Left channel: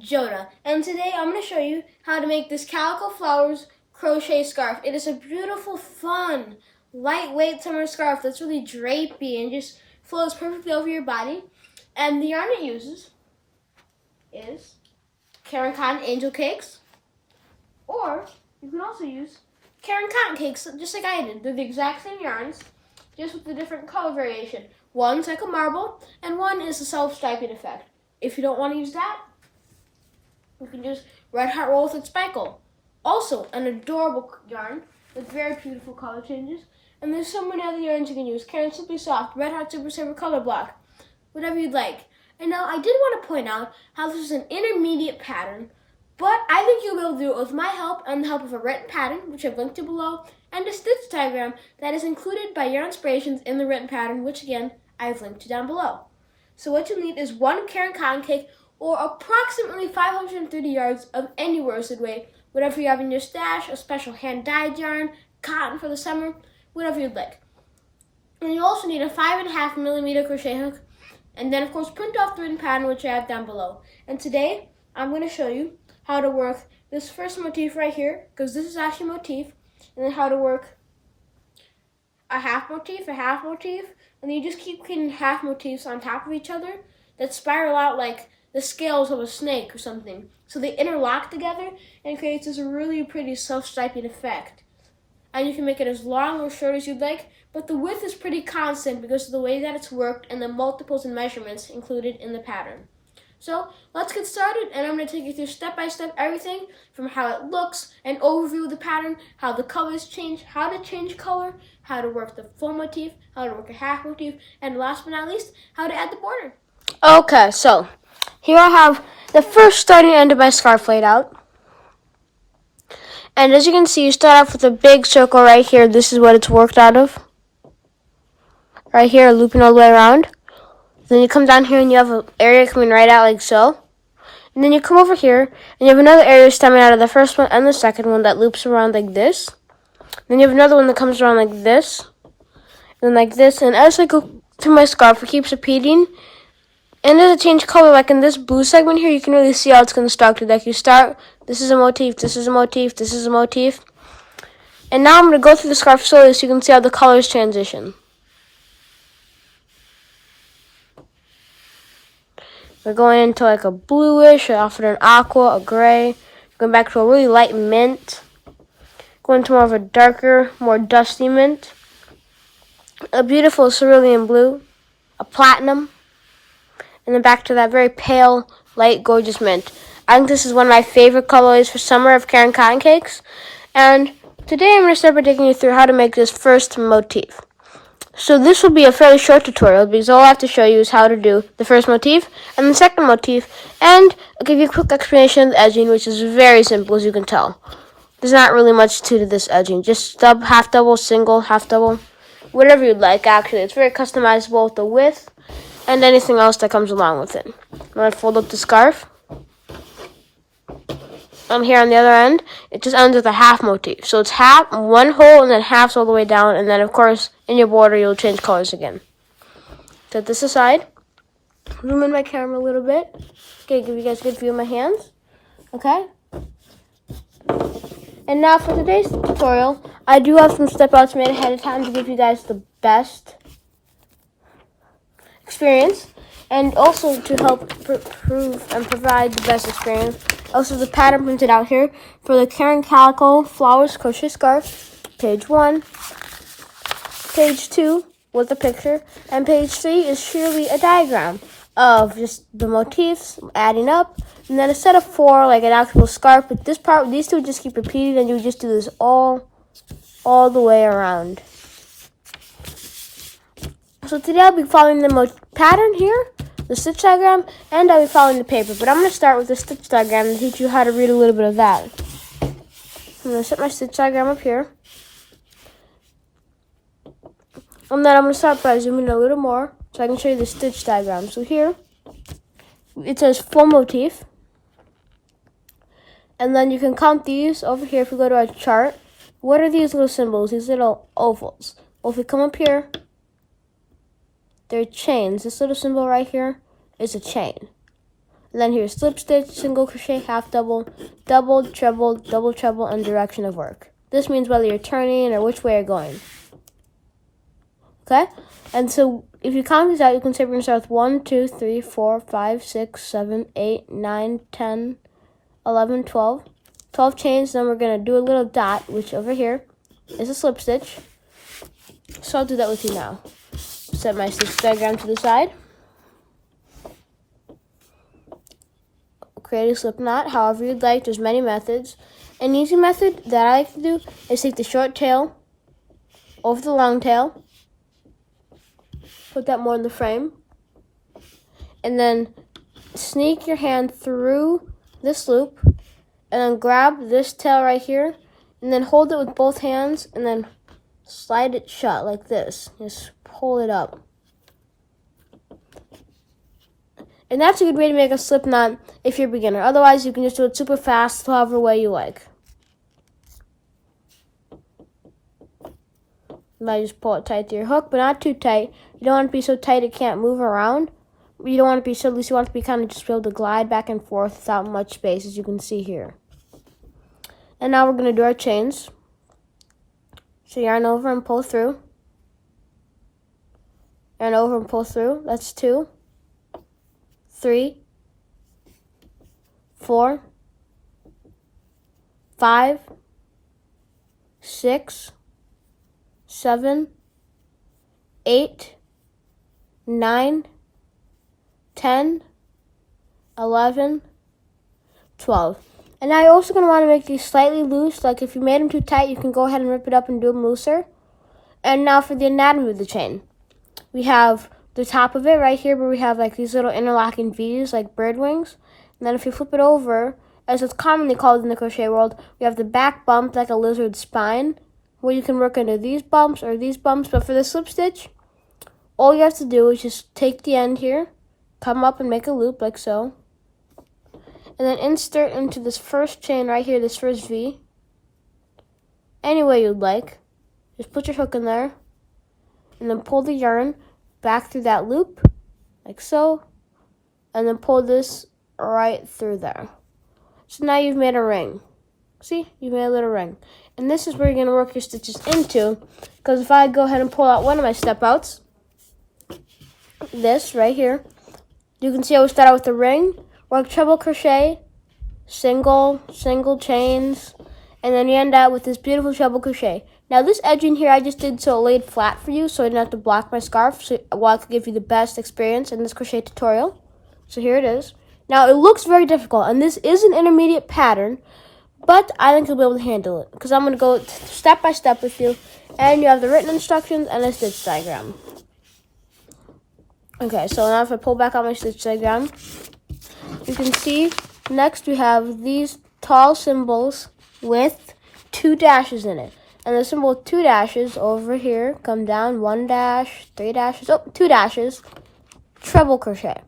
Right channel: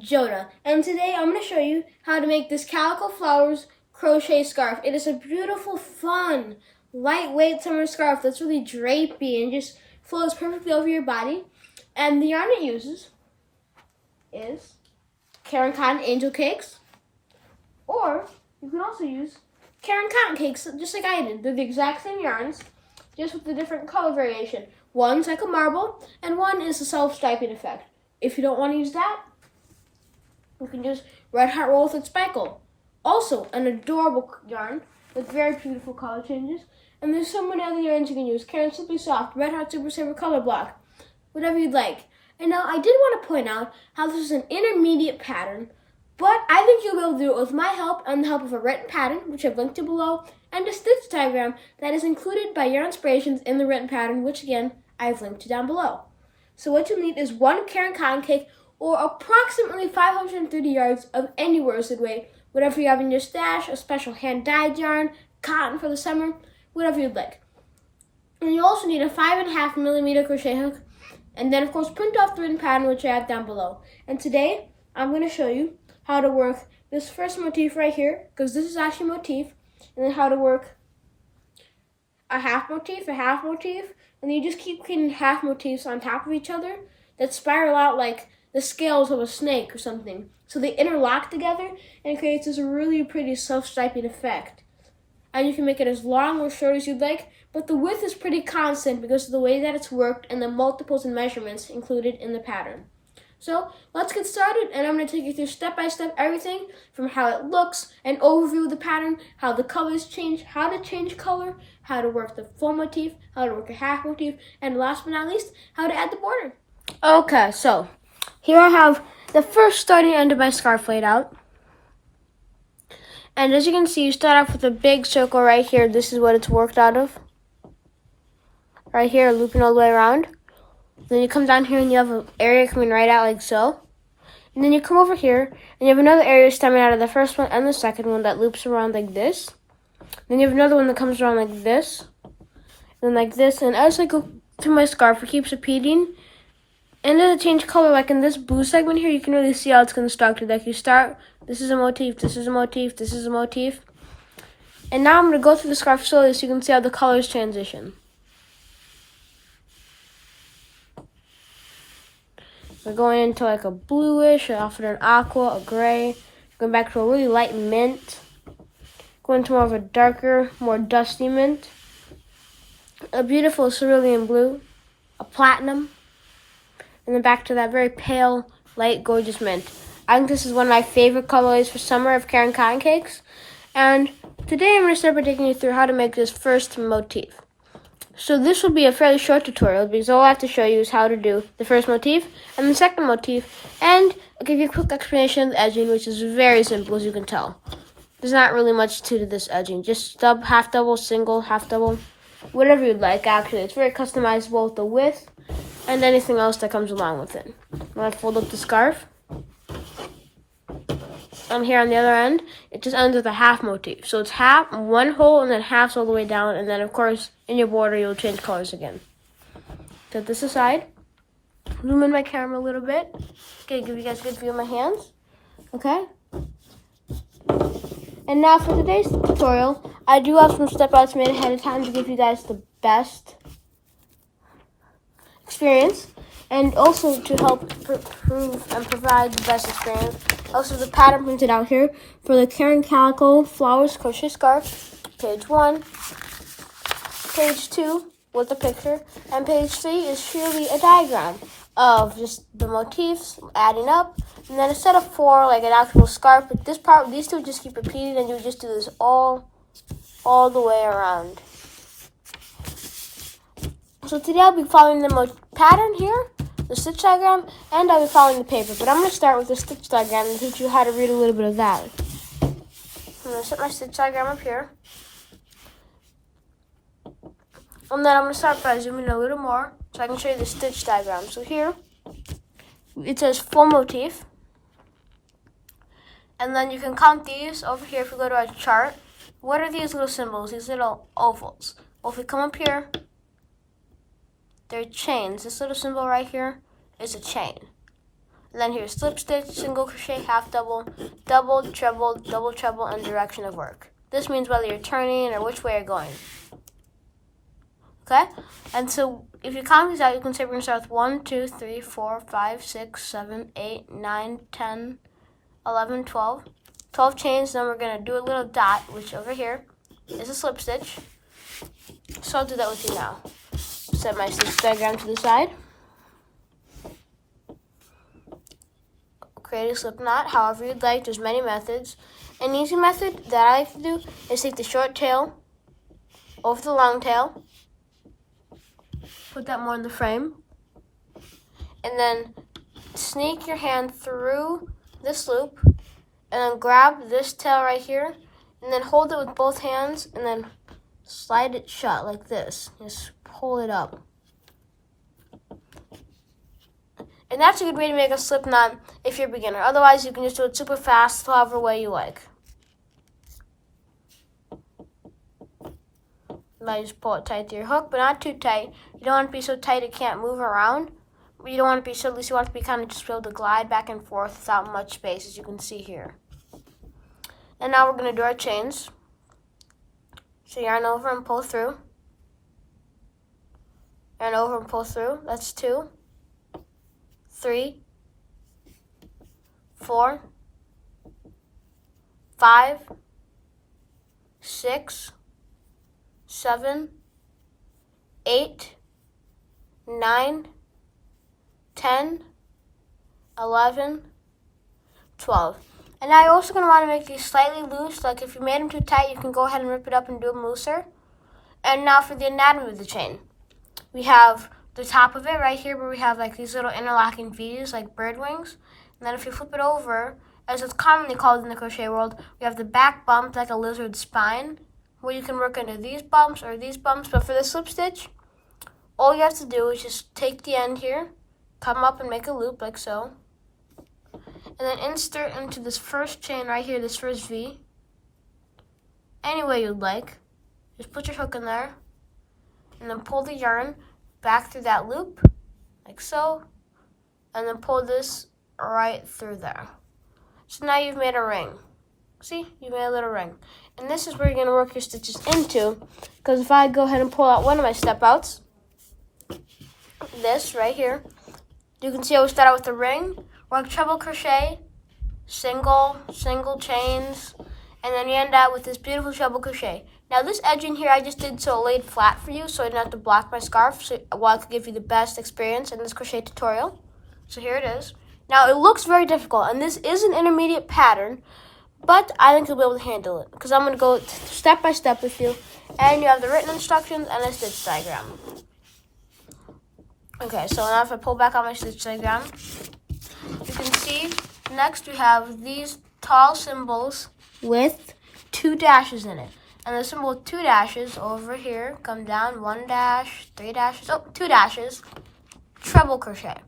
Jonah, and today I'm going to show you how to make this Calico Flowers crochet scarf. It is a beautiful, fun, lightweight summer scarf that's really drapey and just flows perfectly over your body. And the yarn it uses is Caron Cotton Cakes, or you can also use Caron Cotton Cakes, just like I did. They're the exact same yarns, just with a different color variation. One's like a marble, and one is a self-striping effect. If you don't want to use that, you can use Red Heart Wool with Sparkle. Also, an adorable yarn with very beautiful color changes. And there's so many other yarns you can use. Caron Simply Soft, Red Heart Super Saver Color Block, whatever you'd like. And now I did want to point out how this is an intermediate pattern, but I think you'll be able to do it with my help and the help of a written pattern, which I've linked to below, and a stitch diagram that is included by Yarn Inspirations in the written pattern, which again, I've linked to down below. So what you'll need is one Caron Cotton Cake, or approximately 530 yards of any worsted weight, whatever you have in your stash, a special hand-dyed yarn, cotton for the summer, whatever you'd like. And you also need a 5.5 millimeter crochet hook, and then of course print off the written pattern, which I have down below. And today, I'm going to show you how to work this first motif right here, because this is actually a motif, and then how to work a half motif, and you just keep putting half motifs on top of each other that spiral out like the scales of a snake or something. So they interlock together and creates this really pretty self-striping effect. And you can make it as long or short as you'd like, but the width is pretty constant because of the way that it's worked and the multiples and measurements included in the pattern. So let's get started, and I'm going to take you through step-by-step everything from how it looks, an overview of the pattern, how the colors change, how to change color, how to work the full motif, how to work a half motif, and last but not least, how to add the border. Okay, so here I have the first starting end of my scarf laid out. And as you can see, you start off with a big circle right here. This is what it's worked out of. Right here, looping all the way around. Then you come down here and you have an area coming right out like so. And then you come over here and you have another area stemming out of the first one and the second one that loops around like this. Then you have another one that comes around like this. And like this. And as I go through my scarf, it keeps repeating. And as it changes color, like in this blue segment here, you can really see how it's constructed. Like you start, this is a motif, this is a motif, this is a motif. And now I'm going to go through the scarf slowly so you can see how the colors transition. We're going into like a bluish, after an aqua, a gray, going back to a really light mint, going to more of a darker, more dusty mint, a beautiful cerulean blue, a platinum, and then back to that very pale, light, gorgeous mint. I think this is one of my favorite colorways for summer of Caron Cotton Cakes, and today I'm going to start by taking you through how to make this first motif. So this will be a fairly short tutorial because all I have to show you is how to do the first motif and the second motif, and I'll give you a quick explanation of the edging, which is very simple as you can tell. There's not really much to this edging, just stub, half double, single, half double, whatever you'd like actually. It's very customizable with the width and anything else that comes along with it. I'm going to fold up the scarf. And here on the other end, it just ends with a half motif. So it's half, one hole, and then halves all the way down. And then, of course, in your border, you'll change colors again. Set this aside. Zoom in my camera a little bit. Okay, give you guys a good view of my hands. Okay? And now for today's tutorial, I do have some step-outs made ahead of time to give you guys the best experience. And also to help prove and provide the best experience. Also, the pattern printed out here for the Caron Calico Flowers Crochet Scarf. Page 1, page 2 with the picture, and page 3 is surely a diagram of just the motifs adding up, and then a set of 4 like an actual scarf. But this part, these two just keep repeating, and you just do this all the way around. So today I'll be following the pattern here, the stitch diagram, and I'll be following the paper. But I'm going to start with the stitch diagram and teach you how to read a little bit of that. I'm going to set my stitch diagram up here. And then I'm going to start by zooming in a little more so I can show you the stitch diagram. So here, it says full motif. And then you can count these over here if you go to our chart. What are these little symbols, these little ovals? Well, if we come up here, they're chains. This little symbol right here is a chain. And then here's slip stitch, single crochet, half double, double, treble, and direction of work. This means whether you're turning or which way you're going. Okay? And so if you count these out, you can say we're going to start with 1, 2, 3, 4, 5, 6, 7, 8, 9, 10, 11, 12. 12 chains, then we're going to do a little dot, which over here is a slip stitch. So I'll do that with you now. Set my stitch diagram to the side. Create a slip knot however you'd like. There's many methods. An easy method that I like to do is take the short tail over the long tail, put that more in the frame, and then sneak your hand through this loop, and then grab this tail right here, and then hold it with both hands, and then slide it shut like this. Just pull it up. And that's a good way to make a slip knot if you're a beginner. Otherwise, you can just do it super fast, however way you like. Now you just pull it tight to your hook, but not too tight. You don't want to be so tight it can't move around. You don't want to be so loose. You want to be kind of just be able to glide back and forth without much space, as you can see here. And now we're going to do our chains. So yarn over and pull through. Yarn over and pull through. That's 2, 3, 4, 5, 6, 7, 8, 9, 10, 11, 12. And now you're also going to want to make these slightly loose. Like if you made them too tight, you can go ahead and rip it up and do them looser. And now for the anatomy of the chain. We have the top of it right here where we have like these little interlocking V's like bird wings. And then if you flip it over, as it's commonly called in the crochet world, we have the back bump like a lizard spine, where you can work into these bumps or these bumps. But for the slip stitch, all you have to do is just take the end here, come up and make a loop like so, and then insert into this first chain right here, this first V, any way you'd like. Just put your hook in there, and then pull the yarn back through that loop, like so, and then pull this right through there. So now you've made a ring. See, you made a little ring. And this is where you're going to work your stitches into, because if I go ahead and pull out one of my step outs, this right here, you can see I would start out with the ring, work treble crochet, single chains, and then you end out with this beautiful treble crochet. Now this edging here I just did so it laid flat for you, so I didn't have to block my scarf, so I could give you the best experience in this crochet tutorial. So here it is. Now it looks very difficult, and this is an intermediate pattern, but I think you'll be able to handle it, because I'm going to go step by step with you, and you have the written instructions and a stitch diagram. Okay, so now if I pull back out my stitch diagram, you can see next we have these tall symbols with 2 dashes in it. And the symbol with 2 dashes over here, come down, 1 dash, 3 dashes, 2 dashes, treble crochet.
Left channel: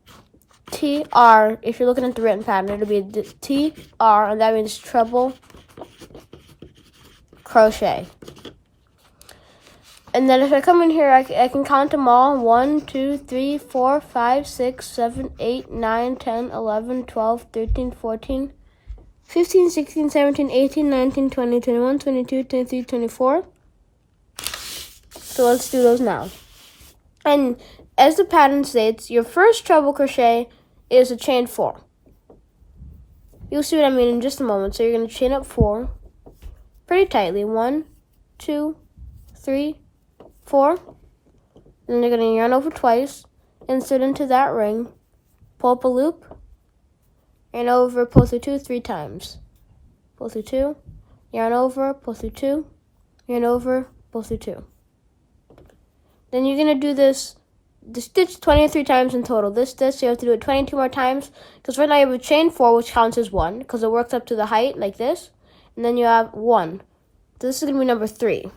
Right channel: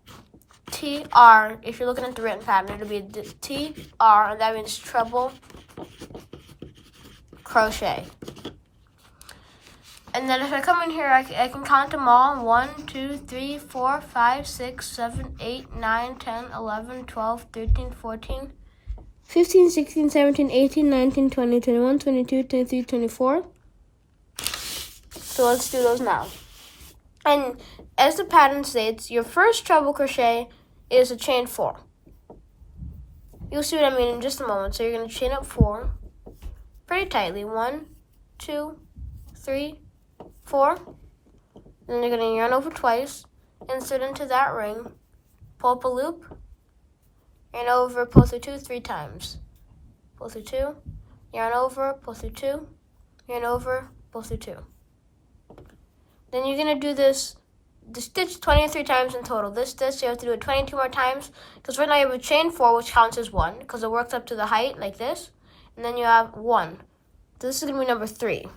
TR, if you're looking at the written pattern, it'll be TR, and that means treble crochet. And then if I come in here, I can count them all. 1, 2, 3, 4, 5, 6, 7, 8, 9, 10, 11, 12, 13, 14, 15, 16, 17, 18, 19, 20, 21, 22, 23, 24. So let's do those now. And as the pattern states, your first treble crochet is a chain 4. You'll see what I mean in just a moment. So you're going to chain up 4 pretty tightly. 1, 2, 3, 4. Then you're going to yarn over twice, insert into that ring, pull up a loop, yarn over, pull through 2 3 times. Pull through 2, yarn over, pull through 2, yarn over, pull through 2. Then you're going to do the stitch 23 times in total. This stitch, you have to do it 22 more times, because right now you have a chain 4, which counts as 1, because it works up to the height like this, and then you have 1. So this is going to be number 3.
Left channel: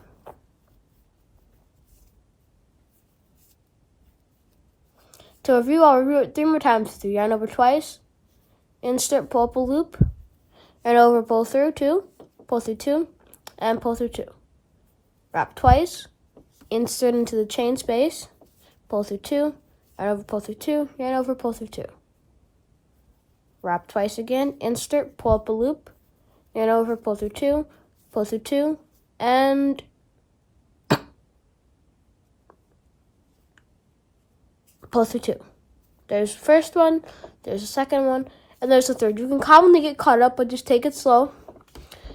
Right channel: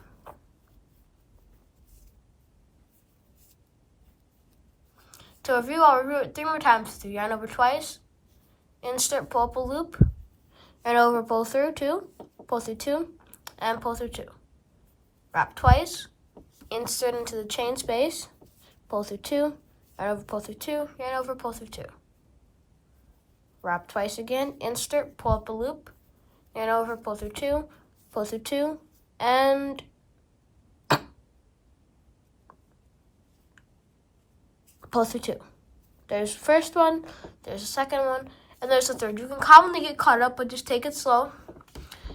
To review, I'll review it 3 more times through. Yarn over twice, insert, pull up a loop, yarn over, pull through 2, pull through 2, and pull through 2. Wrap twice, insert into the chain space, pull through 2, yarn over, pull through 2, yarn over, pull through 2. wrap twice again, insert, pull up a loop, yarn over, pull through two, and pull through two. There's the first one, there's the second one, and there's the third. You can commonly get caught up, but just take it slow.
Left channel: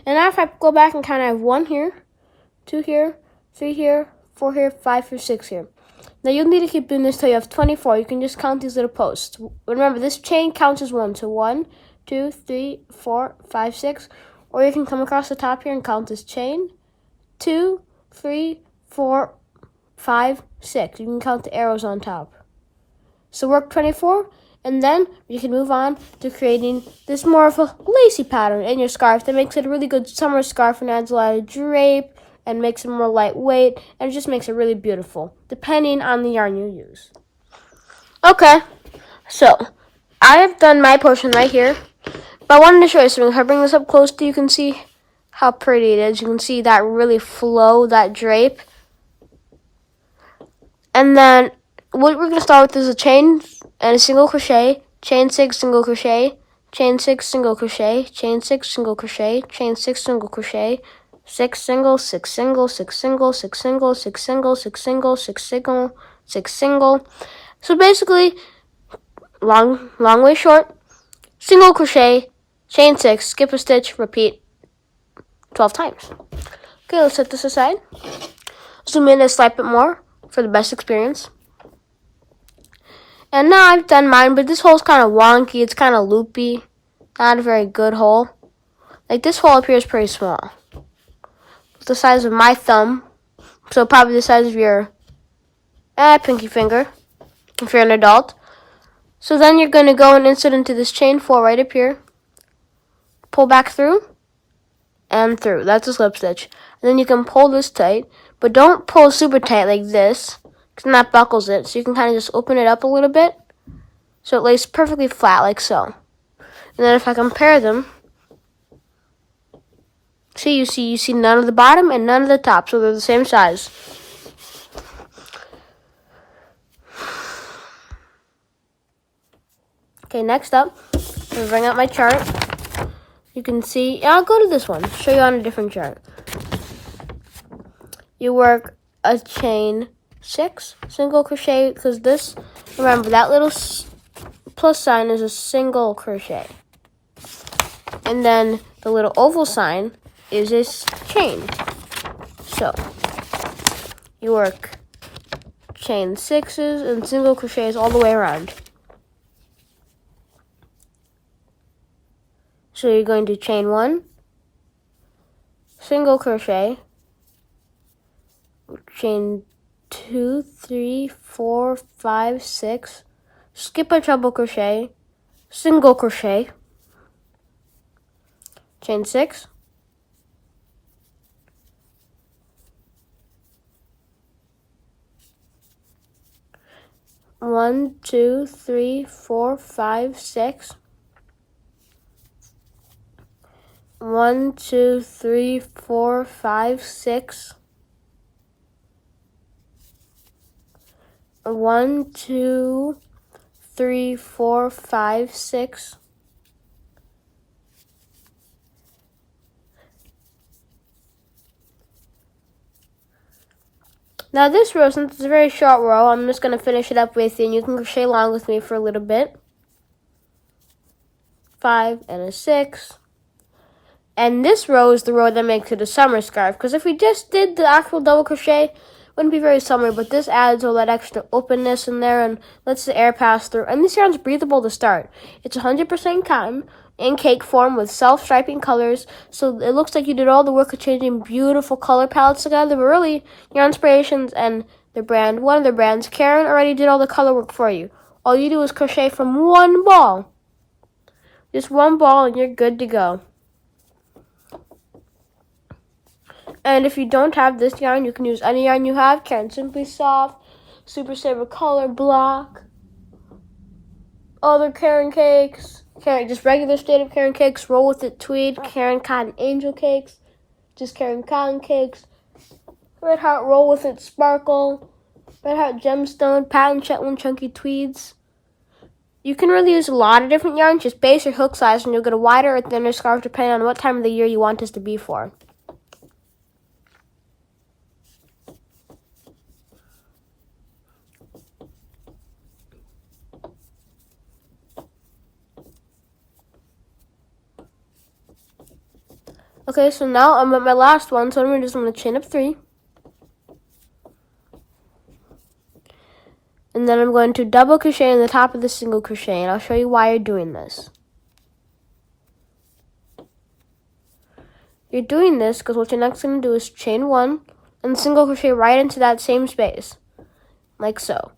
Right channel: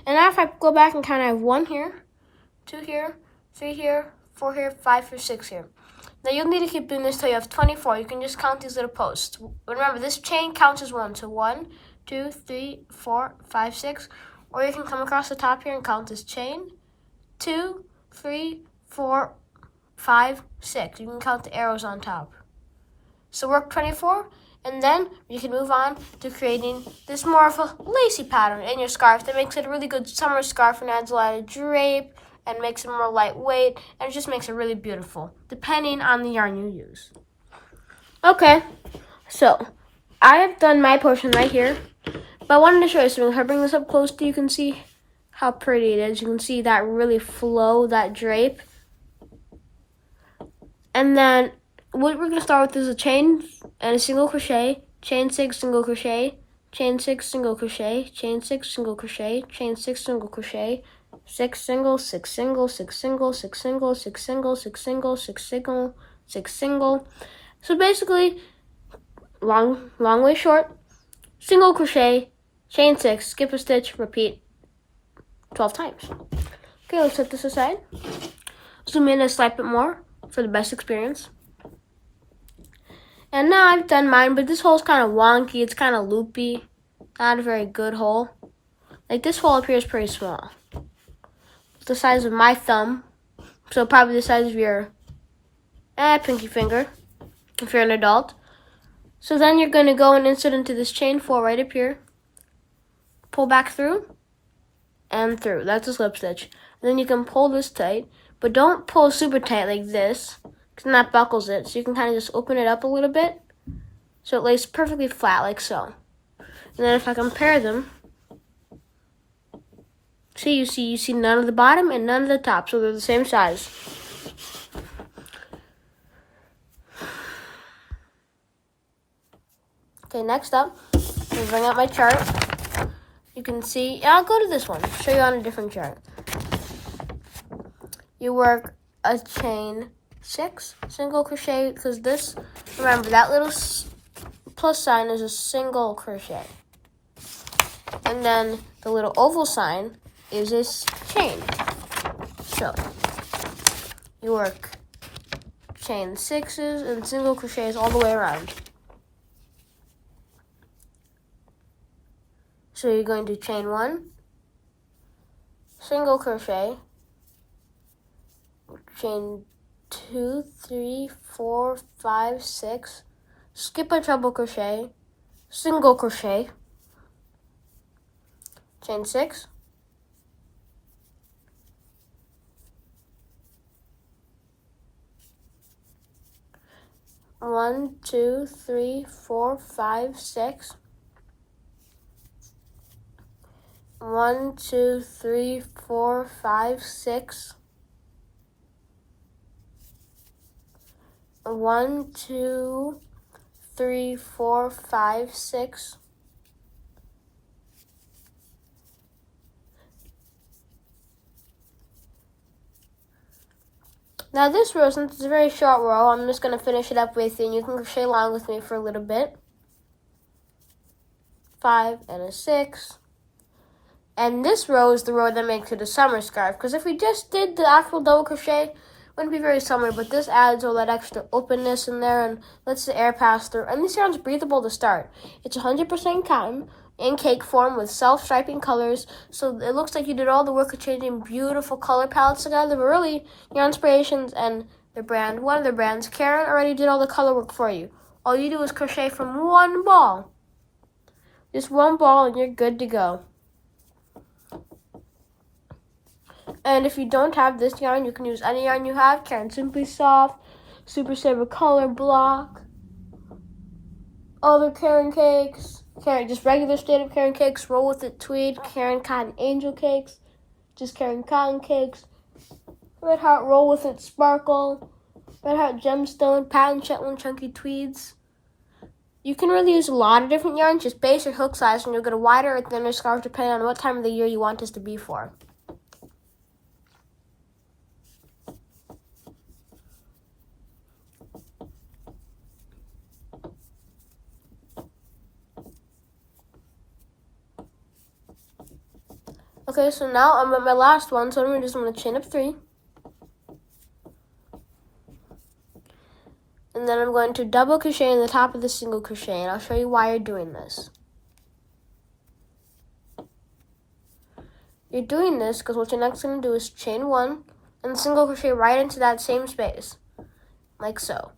And now if I go back and count, I have 1 here, 2 here, 3 here, 4 here, 5 here, 6 here. Now you'll need to keep doing this till you have 24. You can just count these little posts. Remember, this chain counts as 1. So 1, 2, 3, 4, 5, 6. Or you can come across the top here and count this chain. 2, 3, 4, 5, 6. You can count the arrows on top. So work 24, and then you can move on to creating this more of a lacy pattern in your scarf that makes it a really good summer scarf and adds a lot of drape and makes it more lightweight, and it just makes it really beautiful, depending on the yarn you use. Okay, so I have done my portion right here, but I wanted to show you something. If I bring this up close to you, can see how pretty it is. You can see that really flow, that drape. And then what we're going to start with is a chain and a single crochet, chain 6, single crochet, chain 6, single crochet, chain 6, single crochet, chain 6, single crochet, 6 single, 6 single, 6 single, 6 single, 6 single, 6 single, 6 single, 6 single. So basically, long way short, single crochet, chain 6, skip a stitch, repeat 12 times. Okay, let's set this aside. Zoom in a slight bit more for the best experience. And now I've done mine, but this hole's kind of wonky. It's kind of loopy. Not a very good hole. Like this hole up here is pretty small. It's the size of my thumb. So probably the size of your pinky finger if you're an adult. So then you're going to go and insert into this chain 4 right up here. Pull back through and through. That's a slip stitch. And then you can pull this tight, but don't pull super tight like this, and that buckles it. So you can kind of just open it up a little bit so it lays perfectly flat like so. And then if I compare them, you see none of the bottom and none of the top, so they're the same size. Okay, next up, I'm going to bring out my chart. You can see, I'll go to this one, show you on a different chart. You work a chain 6, single crochet, because this, remember that little plus sign is a single crochet. And then the little oval sign is this chain. So, you work chain 6s and single crochets all the way around. So you're going to chain 1, single crochet, chain 2, 3, 4, 5, 6, skip a treble crochet, single crochet, chain 6, one, 2, 3, 4, 5, 6, 1, 2, 3, 4, 5, 6, 1, 2, 3, 4, 5, 6. Now this row, since it's a very short row, I'm just going to finish it up with you, and you can crochet along with me for a little bit. 5 and a 6. And this row is the row that makes it a summer scarf, because if we just did the actual double crochet, it wouldn't be very summer, but this adds all that extra openness in there and lets the air pass through. And this yarn's breathable to start. It's 100% cotton in cake form with self-striping colors, so it looks like you did all the work of changing beautiful color palettes together, but really, Yarn Inspirations and their brand, one of their brands, Caron, already did all the color work for you. All you do is crochet from one ball. Just one ball and you're good to go. And if you don't have this yarn, you can use any yarn you have. Caron Simply Soft, Super Saver Color Block, other Caron Cakes, just regular state Caron Cakes, Roll With It Tweed, Caron Cotton Angel Cakes, just Caron Cotton Cakes, Red Heart Roll With It Sparkle, Red Heart Gemstone, Patent Shetland Chunky Tweeds, You can really use a lot of different yarns. Just base your hook size and you'll get a wider or thinner scarf depending on what time of the year you want this to be for. Okay, so now I'm at my last one, so I'm just going to chain up 3. And then I'm going to double crochet in the top of the single crochet, and I'll show you why you're doing this. You're doing this because what you're next going to do is chain 1 and single crochet right into that same space, like so.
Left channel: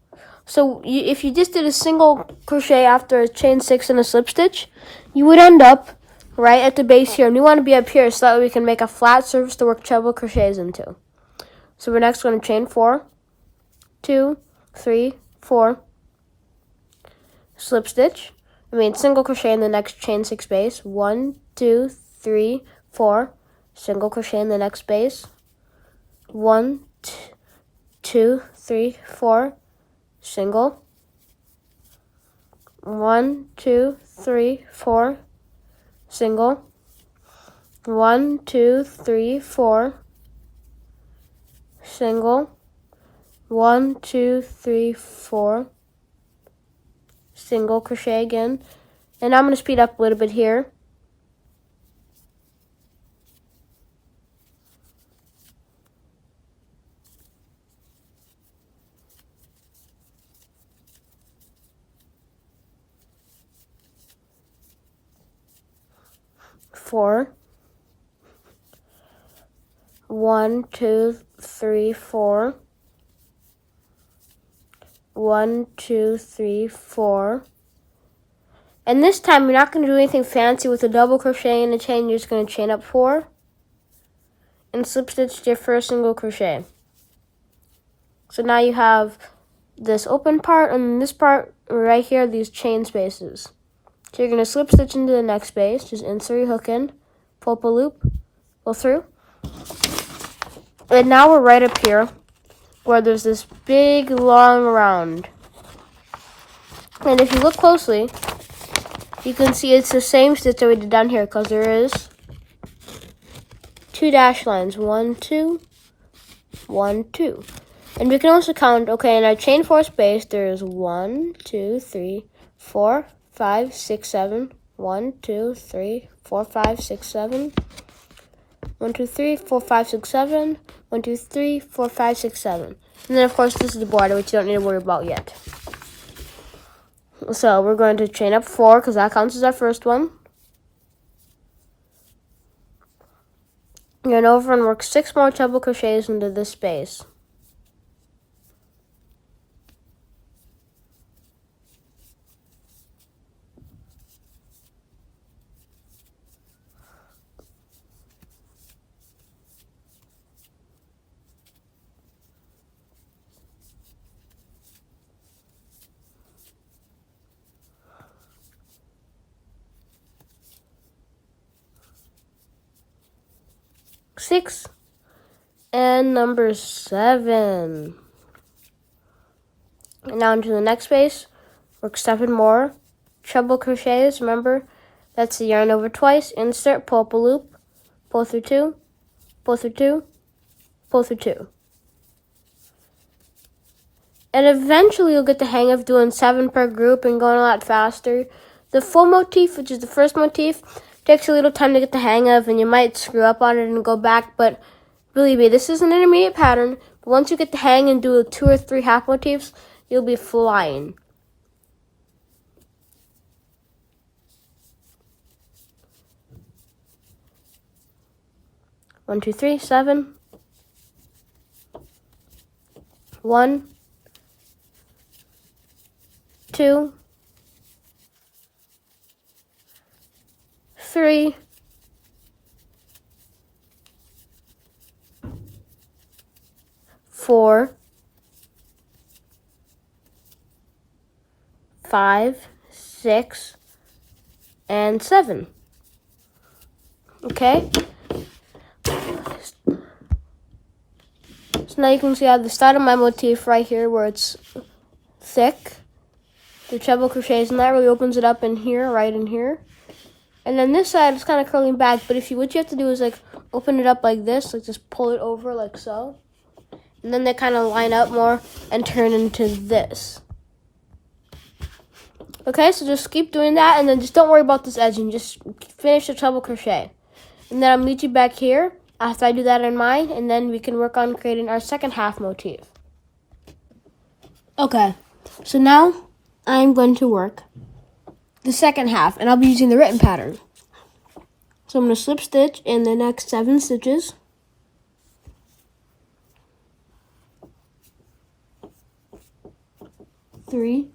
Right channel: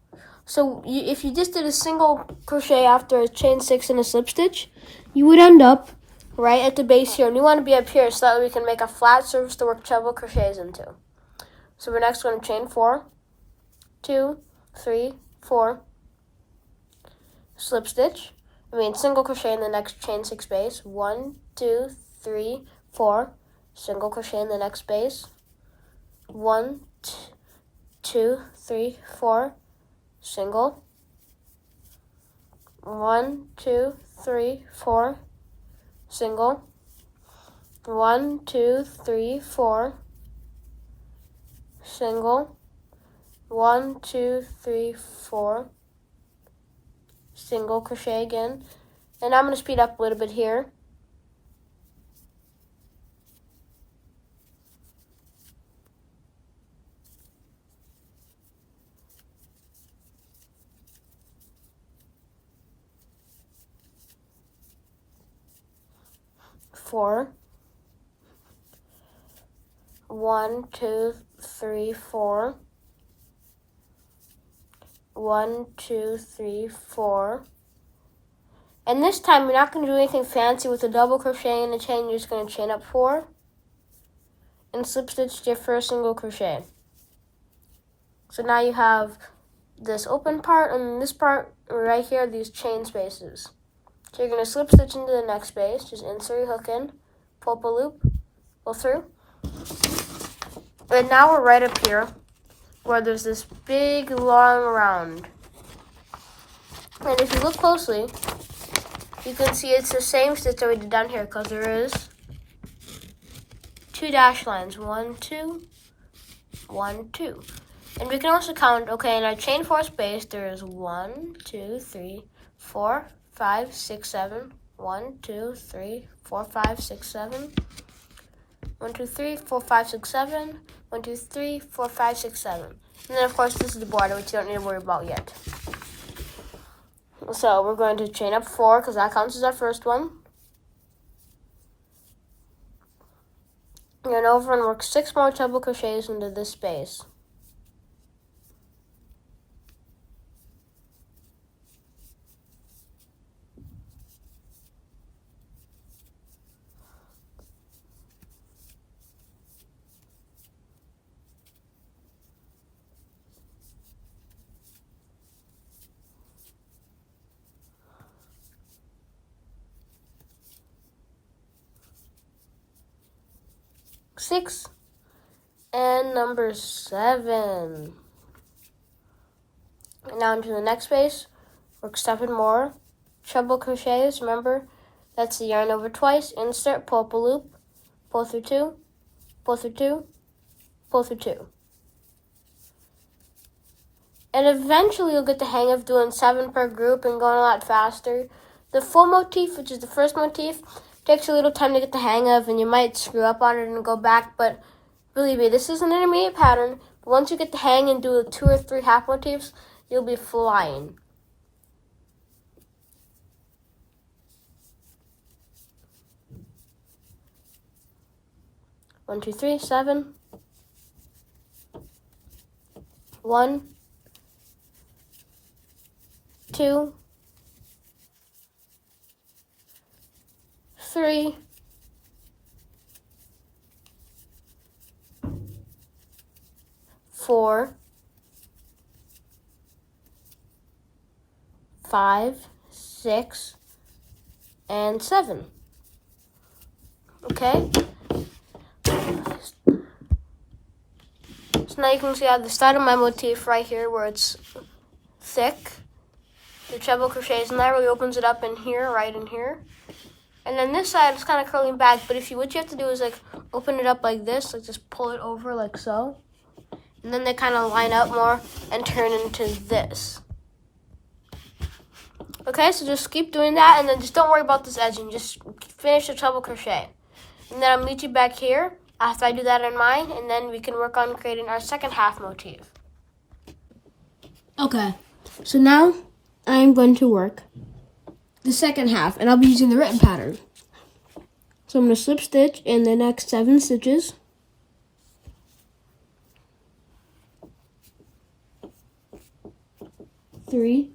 So if you just did a single crochet after a chain 6 and a slip stitch, you would end up right at the base here, and we want to be up here so that we can make a flat surface to work treble crochets into. So we're next going to chain 4, 2, 3, 4, slip stitch. Single crochet in the next chain 6 space. 1, 2, 3, 4, single crochet in the next space. 1, 2, 3, 4, single. 1, 2, 3, 4. Single. 1, 2, 3, 4. Single. 1, 2, 3, 4. Single crochet again. And I'm going to speed up a little bit here. Four. 1, 2, 3, 4. 1, 2, 3, 4. And this time you're not going to do anything fancy with a double crochet and a chain. You're just going to chain up 4 and slip stitch your first single crochet. So now you have this open part and this part right here, these chain spaces. So you're going to slip stitch into the next space, just insert your hook in, pull up a loop, go through. And now we're right up here where there's this big long round. And if you look closely, you can see it's the same stitch that we did down here because there is 2 dash lines, 1, 2, 1, 2. And we can also count, okay, in our chain 4 space, there's 1, 2, 3, 4, 5, 6, 7. 1, 2, 3, 4, 5, 6, 7. 1, 2, 3, 4, 5, 6, 7. 1, 2, 3, 4, 5, 6, 7. And then, of course, this is the border, which you don't need to worry about yet. So we're going to chain up 4 because that counts as our first one. And over and work 6 more treble crochets into this space. Six and number 7. And now into the next space, work 7 more treble crochets. Remember, that's the yarn over twice, insert, pull up a loop, pull through 2, pull through 2, pull through 2. And eventually you'll get the hang of doing 7 per group and going a lot faster. The full motif, which is the first motif, takes a little time to get the hang of, and you might screw up on it and go back, but believe me, this is an intermediate pattern. But once you get the hang and do 2 or 3 half motifs, you'll be flying. One, 2, 3, 7. 1, 2, 3, 4, 5, 6, and 7. Okay? So now you can see I have the start of my motif right here where it's thick. the treble crochets, and that really opens it up in here, right in here. And then this side is kind of curling back, but what you have to do is like open it up like this, like just pull it over like so. And then they kind of line up more and turn into this. Okay, so just keep doing that, and then just don't worry about this edging. Just finish the treble crochet. And then I'll meet you back here after I do that in mine, and then we can work on creating our second half motif. Okay, so now I'm going to work the second half, and I'll be using the written pattern. So I'm going to slip stitch in the next 7 stitches. 3,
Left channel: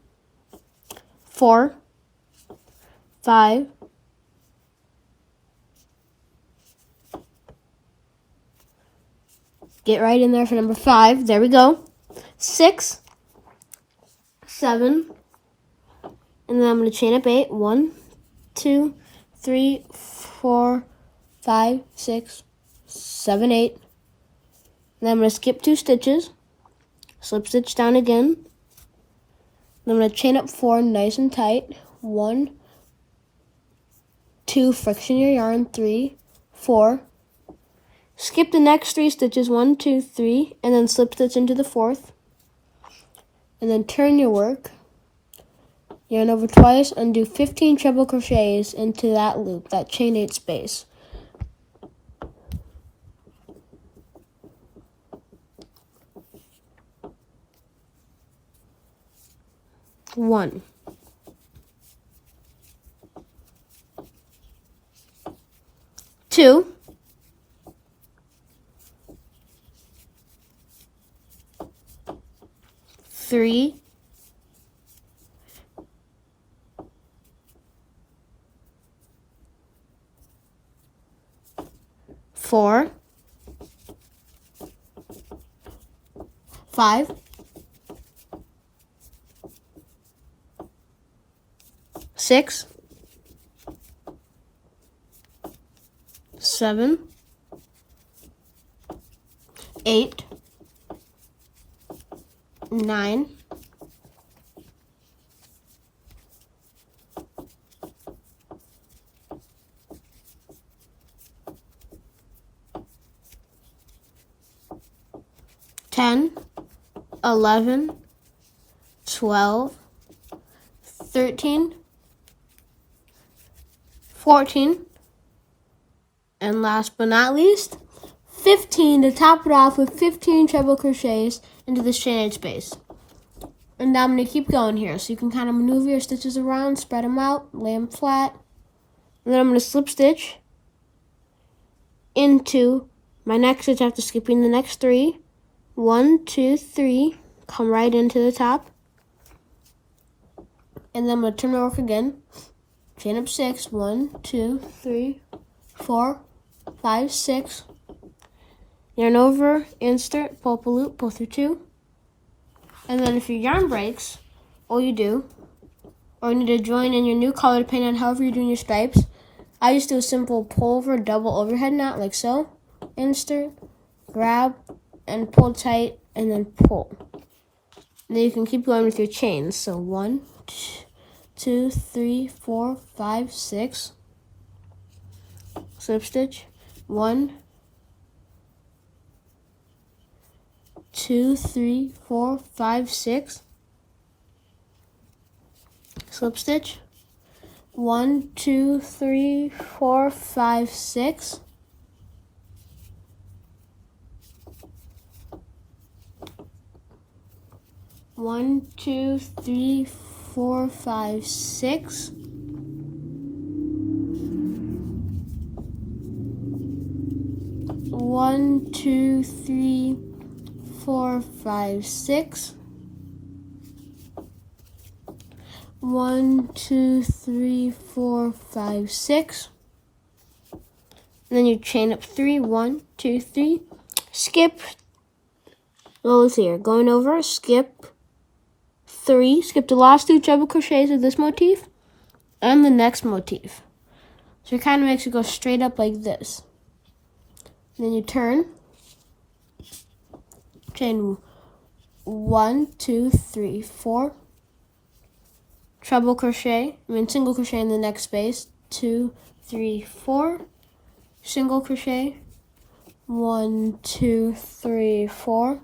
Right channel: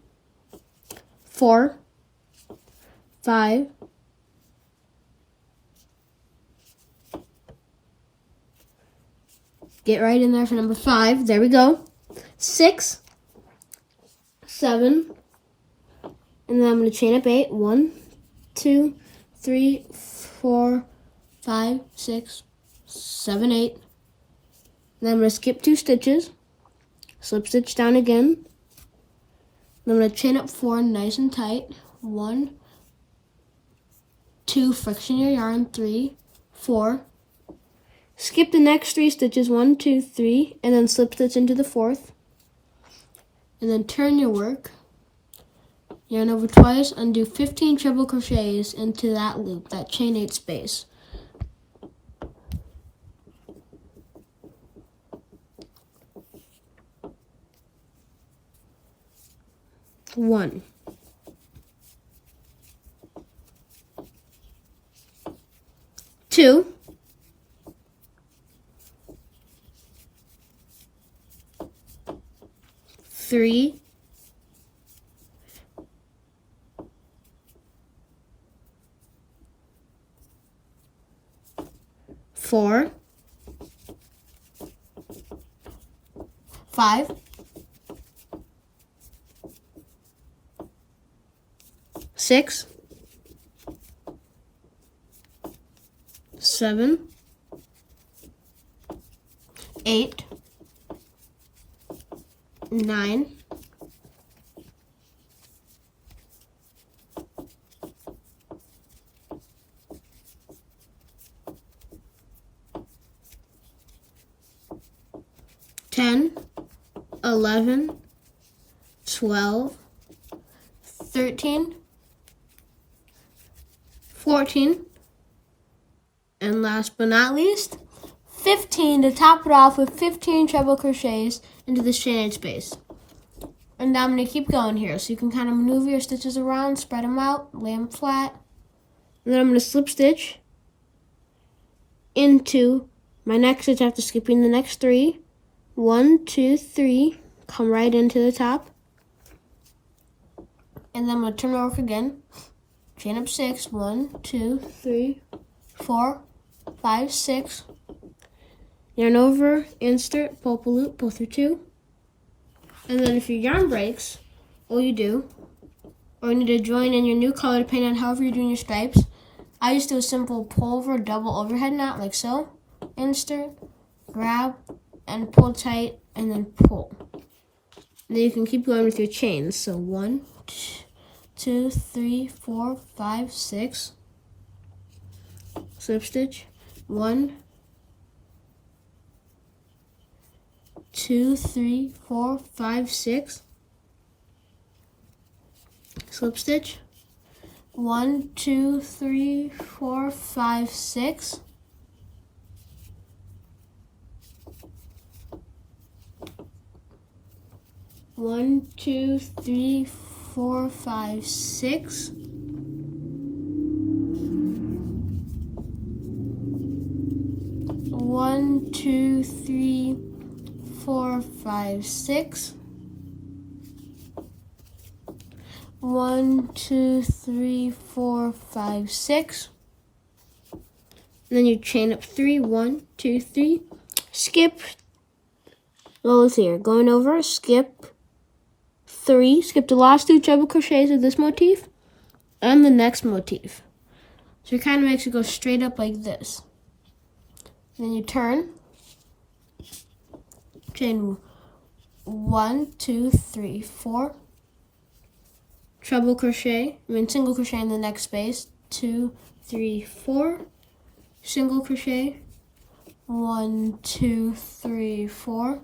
4, 5, get right in there for number 5. There we go. 6, 7, and then I'm going to chain up 8. 1, 2, 3, 4, 5, 6, 7, 8. And then I'm going to skip 2 stitches, slip stitch down again. Then I'm going to chain up 4 nice and tight. 1, 2, friction your yarn, 3, 4. Skip the next 3 stitches, 1, 2, 3, and then slip stitch into the 4th. And then turn your work. Yarn over twice, undo 15 treble crochets into that loop, that chain 8 space. One. 2. 3. 4. 5. 6. 7. 8. 9. 10, 11, 12, 13, 14, and last but not least, 15 to top it off with 15 treble crochets into this chain 8 space. And now I'm going to keep going here, so you can kind of maneuver your stitches around, spread them out, lay them flat. And then I'm going to slip stitch into my next stitch after skipping the next 3. 1, 2, 3, come right into the top. And then I'm going to turn the work again. Chain up 6, 1, 2, 3, 4, 5, 6. Yarn over, insert, pull up a loop, pull through 2. And then if your yarn breaks, all you do, or you need to join in your new color depending on however you're doing your stripes, I just do a simple pull over, double overhead knot like so. Insert, grab, and pull tight, and then pull. And then you can keep going with your chains. So 1, 2, 3, 4, 5, 6. Slip stitch. 1, 2, 3, 4, 5, 6. Slip stitch. 1, 2, 3, 4, 5, 6. One, 2, 3, 4, 5, 6. 1, 2, 3, 4, 5, 6. 1, 2, 3, 4, 5, 6. And then you chain up 3, 1, 2, 3. Skip. Go here. Going over, skip 3. Skip the last 2 treble crochets of this motif and the next motif. So it kind of makes it go straight up like this. And then you turn. Chain 1, 2, 3, 4. single crochet in the next space, 2, 3, 4, single crochet, 1, 2, 3, 4,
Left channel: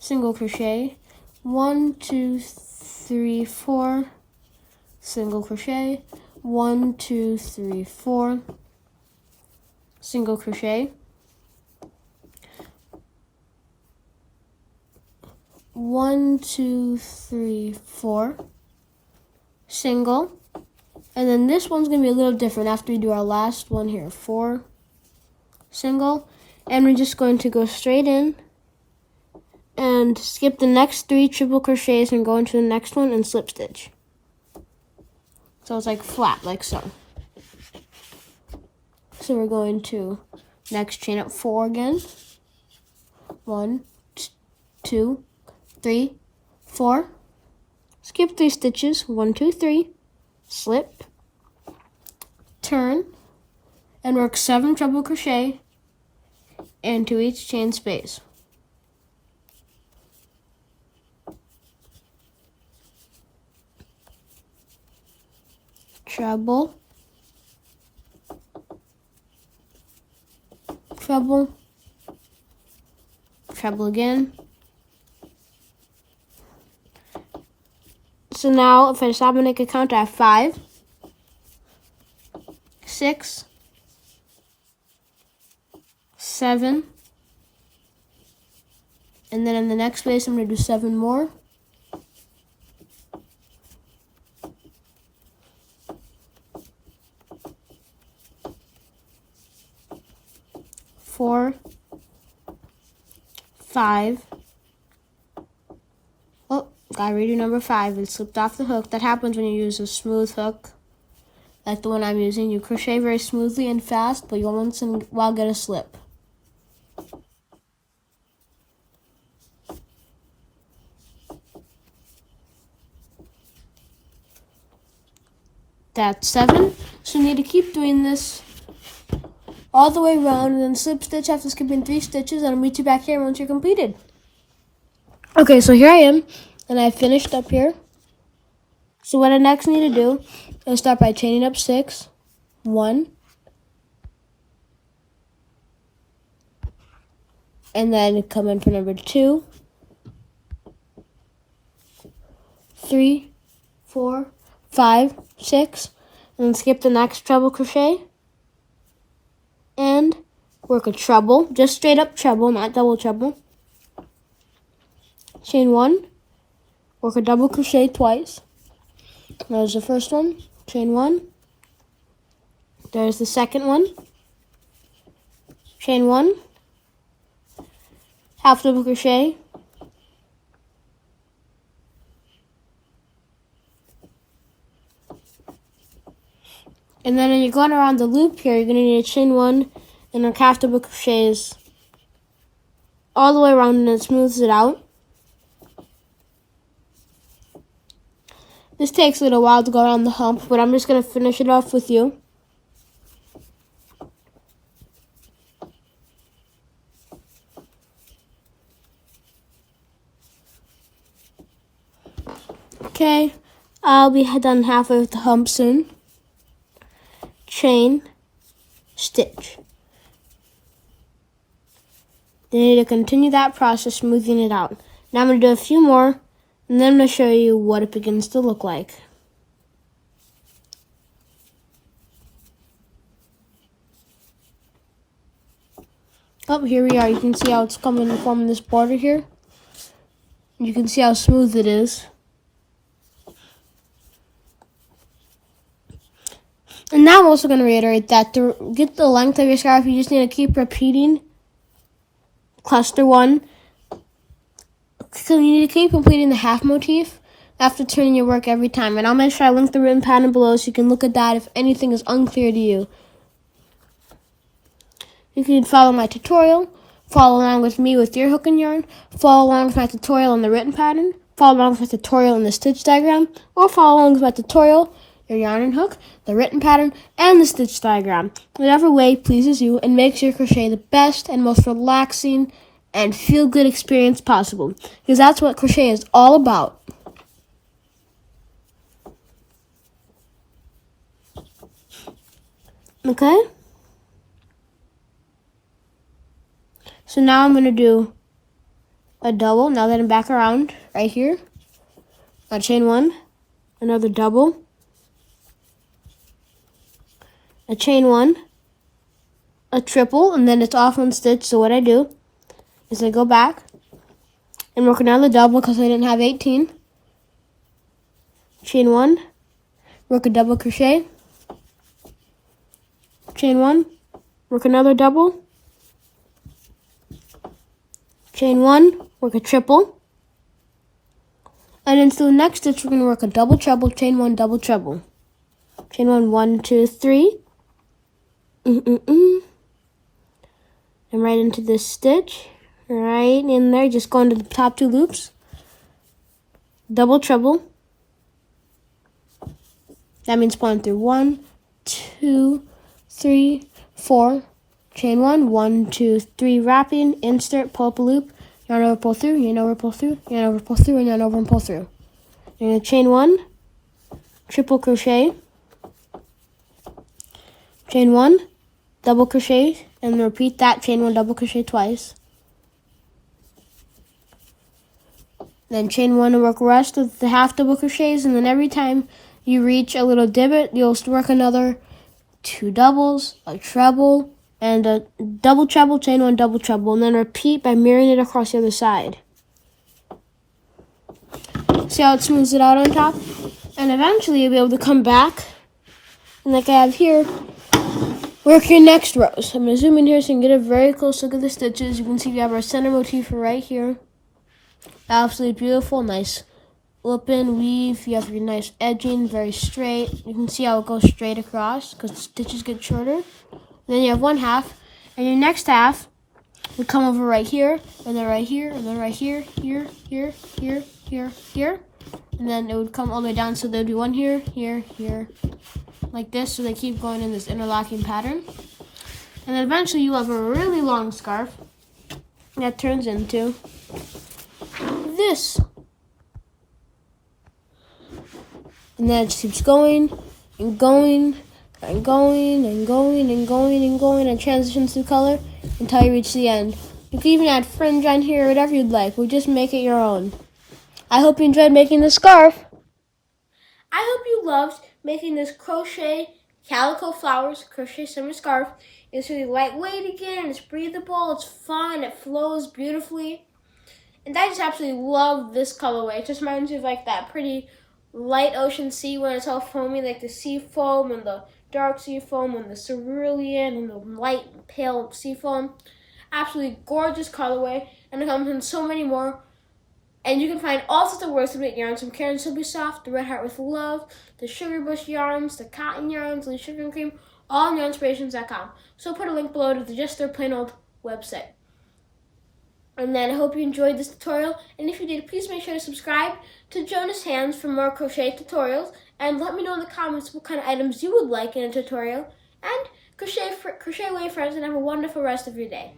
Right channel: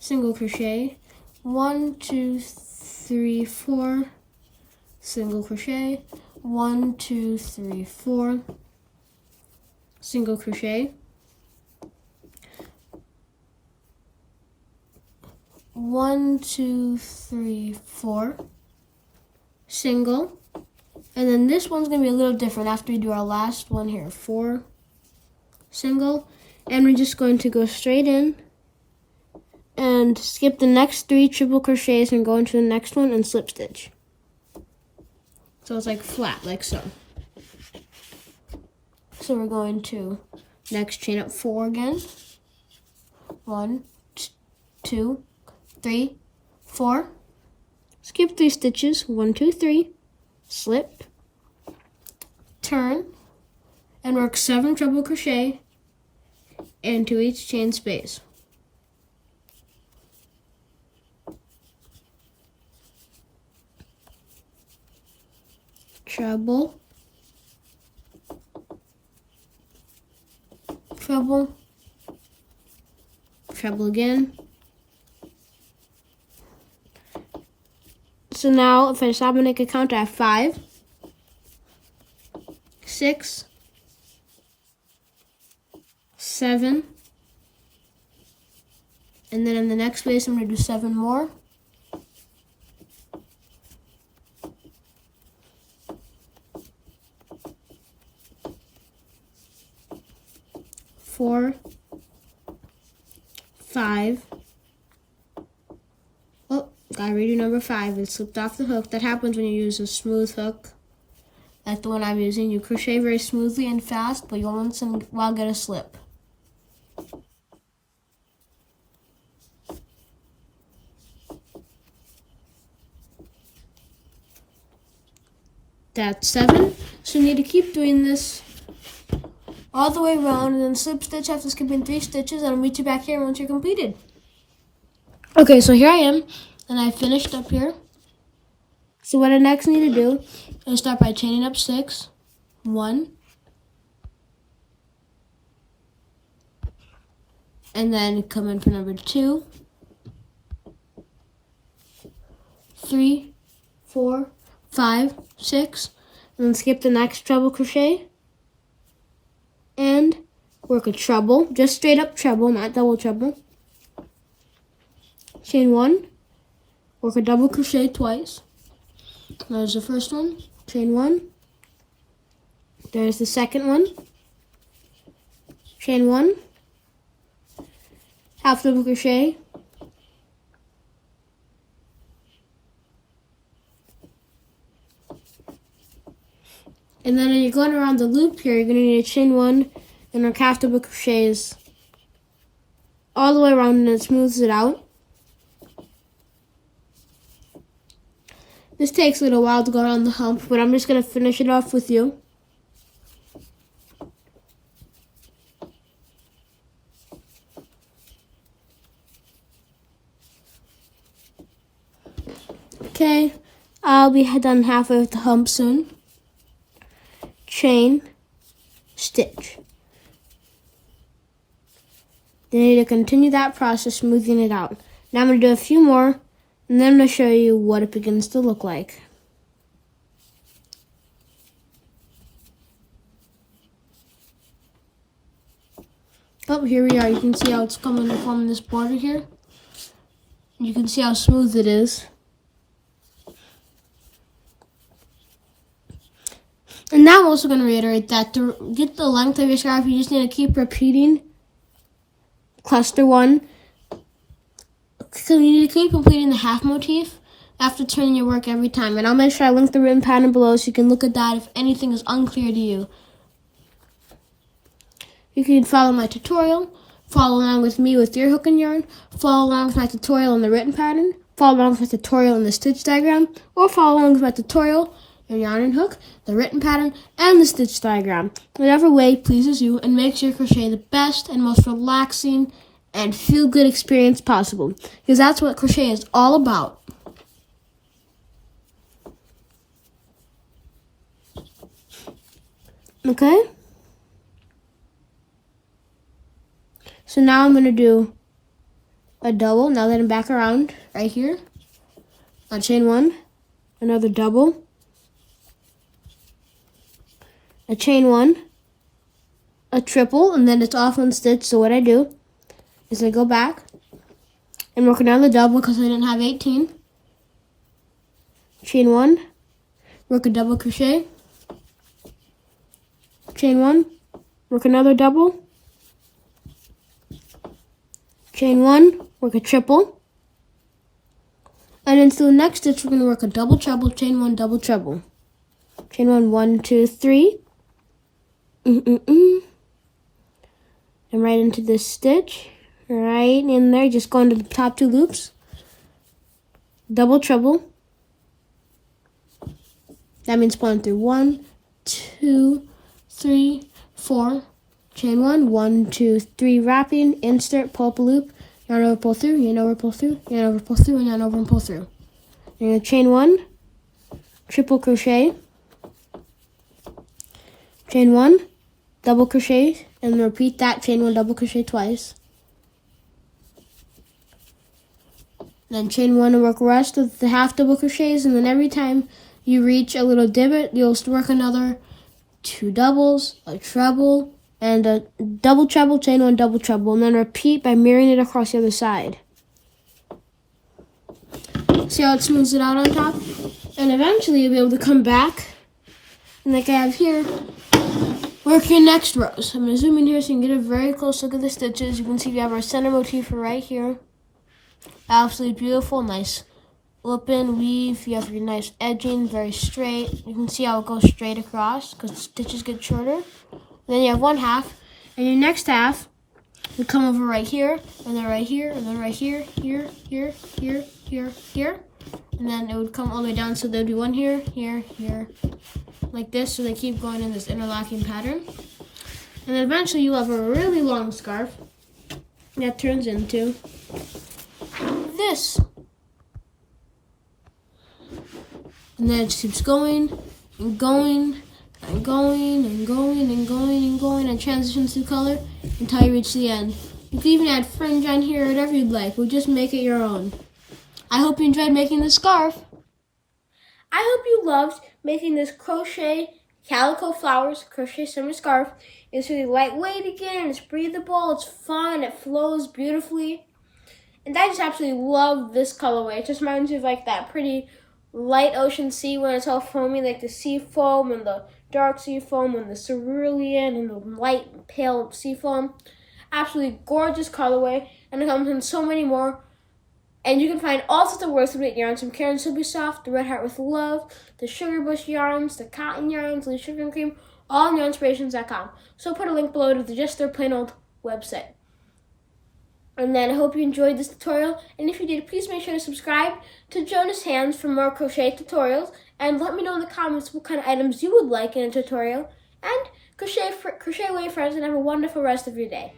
single crochet, 1, 2, 3, 4, single crochet, 1, 2, 3, 4, single crochet, 1, 2, 3, 4, single, and then this one's gonna be a little different after we do our last one here, 4, single, and we're just going to go straight in and skip the next 3 triple crochets and go into the next one and slip stitch. So it's like flat, like so. So we're going to next chain up 4 again. 1, 2, 3, 4. Skip 3 stitches, 1, 2, 3. Slip, turn, and work 7 treble crochet into each chain space. Treble, treble, treble again. So now if I stop and make a count, I have 5, 6, 7, and then in the next space I'm going to do 7 more. 4, 5. Oh, gotta redo number 5. It slipped off the hook. That happens when you use a smooth hook, like the one I'm using. You crochet very smoothly and fast, but you'll once in a while get a slip. That's 7. So you need to keep doing this all the way around, and then slip stitch after skipping 3 stitches, and I'll meet you back here once you're completed. Okay, so here I am, and I finished up here. So what I next need to do is start by chaining up 6, 1, and then come in for number 2, 3, 4, 5, 6, and then skip the next treble crochet and work a treble, just straight up treble, not double treble. Chain 1, work a double crochet twice. There's the first one, chain 1. There's the second one, chain 1, half double crochet, and then when you're going around the loop here, you're going to need a chain 1 and a half double crochets all the way around, and it smooths it out. This takes a little while to go around the hump, but I'm just going to finish it off with you. Okay, I'll be done halfway with the hump soon. Chain, stitch. Then you need to continue that process, smoothing it out. Now I'm going to do a few more, and then I'm going to show you what it begins to look like. Oh, here we are. You can see how it's coming and forming this border here. You can see how smooth it is. And now I'm also going to reiterate that to get the length of your scarf, you just need to keep repeating cluster 1. So you need to keep completing the half motif after turning your work every time. And I'll make sure I link the written pattern below so you can look at that if anything is unclear to you. You can follow my tutorial, follow along with me with your hook and yarn, follow along with my tutorial in the written pattern, follow along with my tutorial in the stitch diagram, or follow along with my tutorial, your yarn and hook, the written pattern, and the stitch diagram. Whatever way pleases you and makes your crochet the best and most relaxing and feel-good experience possible. Because that's what crochet is all about. Okay? So now I'm going to do a double. Now that I'm back around right here. I'll chain one, another double, a chain one, a triple, and then it's off one stitch. So what I do is I go back and work another double because I didn't have 18. Chain one, work a double crochet, chain one, work another double, chain one, work a triple, and then to the next stitch we're going to work a double treble, chain one, double treble, chain one, 1, 2, 3, and right into this stitch, right in there, just go into the top 2 loops, double treble. That means pulling through 1, 2, 3, 4, chain 1, 1, 2, 3, wrapping, insert, pull up a loop, yarn over, pull through, yarn over, pull through, yarn over, pull through, and yarn over and pull through. You're going to chain 1, triple crochet, chain 1, double crochet, and repeat that, chain 1, double crochet twice. Then chain 1 and work the rest of the half double crochets, and then every time you reach a little divot, you'll work another 2 doubles, a treble, and a double treble, chain 1, double treble, and then repeat by mirroring it across the other side. See how it smooths it out on top? And eventually you'll be able to come back, and like I have here, work your next rows. I'm going to zoom in here so you can get a very close look at the stitches. You can see we have our center motif right here. Absolutely beautiful, nice open weave. You have your nice edging, very straight. You can see how it goes straight across because the stitches get shorter. And then you have one half, and your next half would come over right here, and then right here, and then right here, here, here, here, here, here, and then it would come all the way down. So there'd be one here, here, here, like this. So they keep going in this interlocking pattern, and then eventually you have a really long scarf that turns into this. And then it just keeps going and going and going and going and going and going and transitions through color until you reach the end. You can even add fringe on here, whatever you'd like. We'll just make it your own. I hope you enjoyed making this scarf. I hope you loved making this crochet calico flowers crochet summer scarf. It's really lightweight again, it's breathable, it's fun, it flows beautifully. And I just absolutely love this colorway. It just reminds me of like that pretty light ocean sea when it's all foamy, like the sea foam and the dark sea foam and the cerulean and the light pale sea foam. Absolutely gorgeous colorway, and it comes in so many more. And you can find all sorts of works of knit yarns from Caron Super Soft, the Red Heart with Love, the Sugar Bush yarns, the cotton yarns, the sugar and cream, all on yarnspirations.com. So I'll put a link below to just their plain old website. And then I hope you enjoyed this tutorial, and if you did, please make sure to subscribe to Jonah's Hands for more crochet tutorials, and let me know in the comments what kind of items you would like in a tutorial, and crochet away, friends, and have a wonderful rest of your day.